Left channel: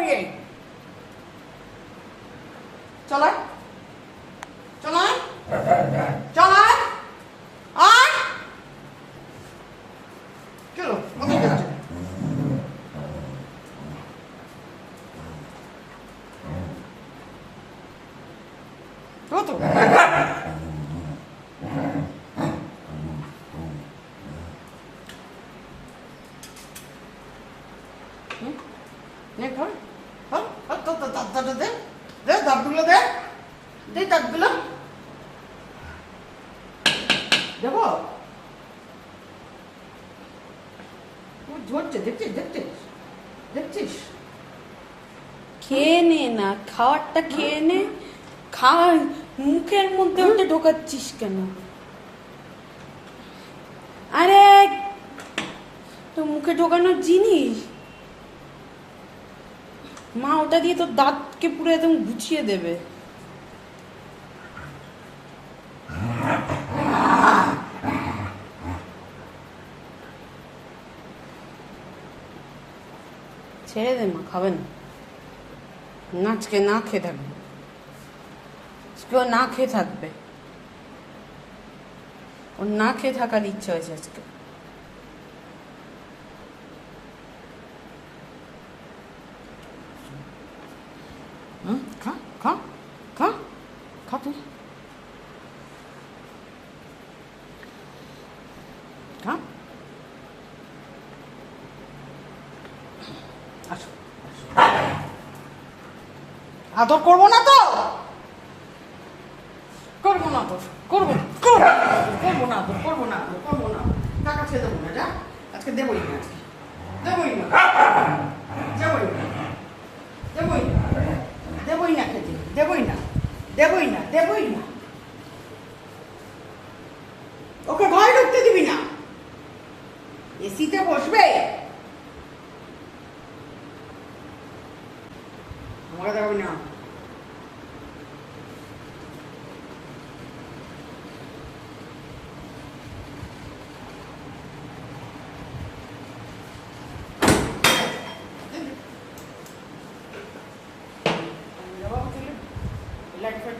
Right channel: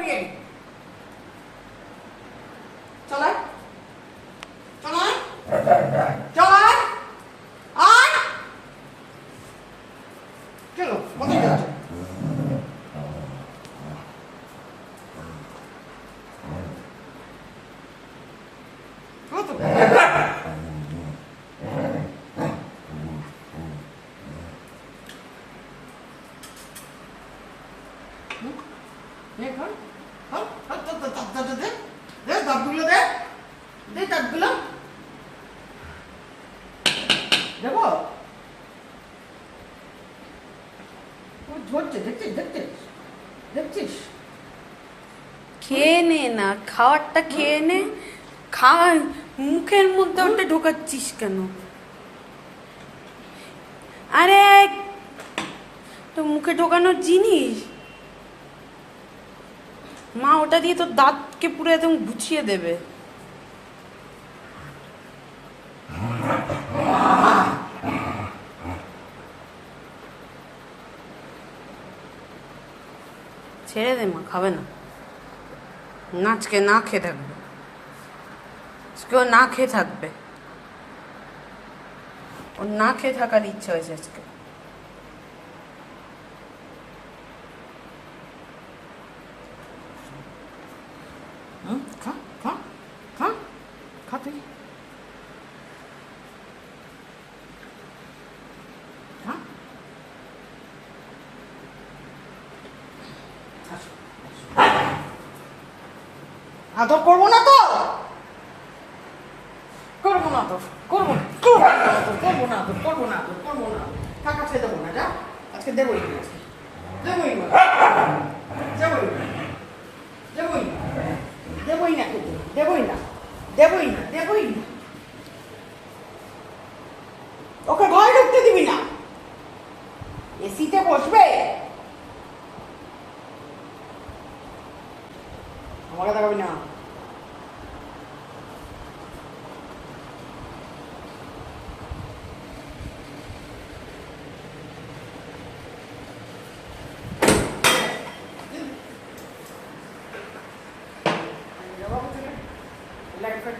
উড়িয়ে চলাই চলাই চলাই আয় চলো মতো করছে কত দাঁতগুলো দে দে দাঁতগুলো দেবো ধরছে দেখছিস দেখছিস দেখছিস খেয়ে নে না, খাওয়ারটা খেয়ে নে। খাওয়া মুখের মধ্যে ওটা ঢোকাচ্ছিস কেন? আরে তো মুখে ঢোকানোর জিনিস, মা ওটা দিয়ে তোর দাঁতকে পুরো একদম গুছিয়ে দেবে। ছেড়ে দে মা, খাবে না। আজকে না খেয়ে থাকবে, আজকে ও না খেয়ে থাকবে, ওর না খেয়ে থাকার ইচ্ছা হয়েছে আজকে। খা খা খা খা তুই খা আদর করবো না তো করবো না তো করবো না করবো না তো করবো না তো করবো না টাকা ছেড়ে দেবো না যা আজকে দেবোই না দেবোই না দেবোই না দেবোই না দেবোই না খেতে দেবোই না দেবোই না দেবোই না ওকে ঘরে ঢুকতে দিবি না এসিতে বসবে আমাকে দেখাবি না লাইট ফাইট